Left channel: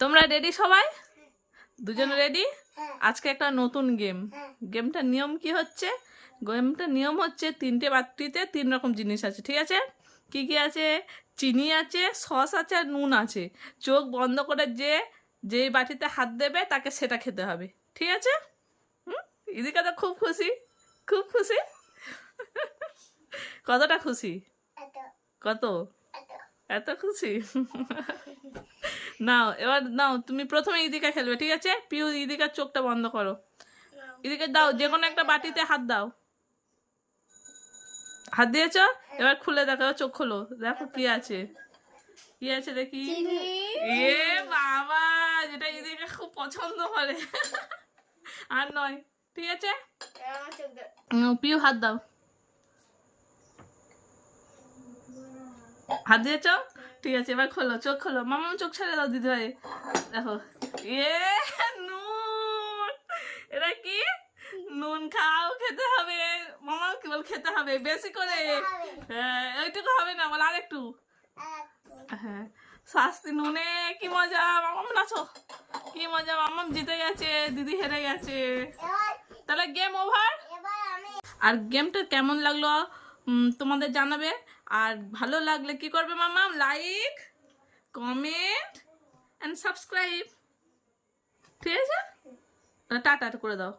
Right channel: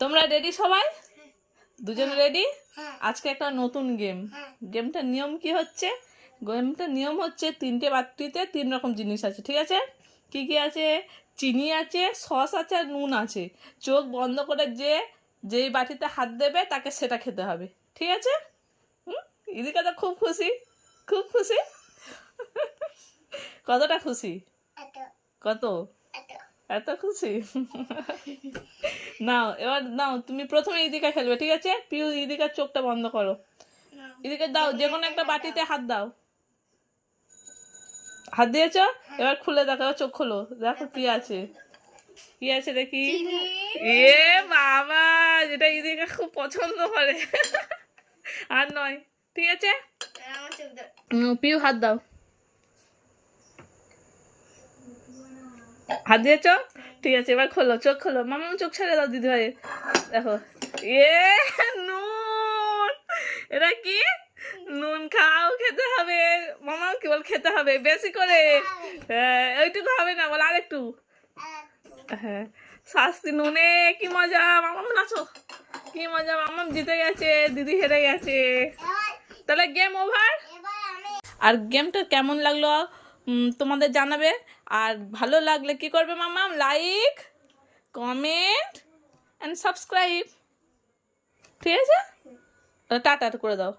তোমরা রেডি সবাই? দুজন রেডি? আজকে একটা নতুন গেম। গেমটার নিয়ম কি হচ্ছে? গেমটার নিয়ম হচ্ছে 3টে বাটিতে 3 রকম জিনিস আছে, ঠিক আছে? কি কি আছে? চিনি আছে, সস আছে, আর নুন আছে। চোখ বন্ধ করে যেই বাটিতে হাত দেবে তাকে সেটা খেতে হবে, ঠিক আছে? ইদিকা তো খুব খুশি, খুব খুশি। কতটা খুশি? কত? এত খুশি? নাও এবার নাও, তুমি প্রথমে ইদিকা খেলবে, ঠিক আছে? পিউ, ইদিকার চোখটা বন্ধ করো। ইদিকে দাও, যে কোনো একটা বাটিতে হাত দাও। হাত দিয়েছো? এবার খুলে দেখো, চোখ খোলো, দেখো কি আছে। কি আছে দেখি? এ বাবা, যেটা ইদিকা খুব পছন্দ করে। আর নয়, ঠিক আছে? পিউ হাত দাও। হাত দিয়েছো? ঠিক আছে, এবার খোলো, চোখ খোলো। মামা চোখ ছেড়ে দাও দিদি ভাই। দেখো, এ নুন। এটা কি? নুন খাও, খেতে হবে। মামাও কেবল খেতে হবে বেশি করে। হ্যাঁ, ওইটুকু হবে না, বল আরেকটু। হ্যাঁ, শাস্তি নুনে। কি মজা, মামাম নাচো। কি মজা, মামাম জিতে গেছে, দিদি হেরে গেছে। তাহলে গেম ওভার। আর গেমটা কেমন লাগলো তোমাদের জানাবে। আর ভালো লাগলে কি করবে মামাম? লাইক, কমেন্ট অ্যান্ড সাবস্ক্রাইব, ঠিক আছে? টাটা করে দাও।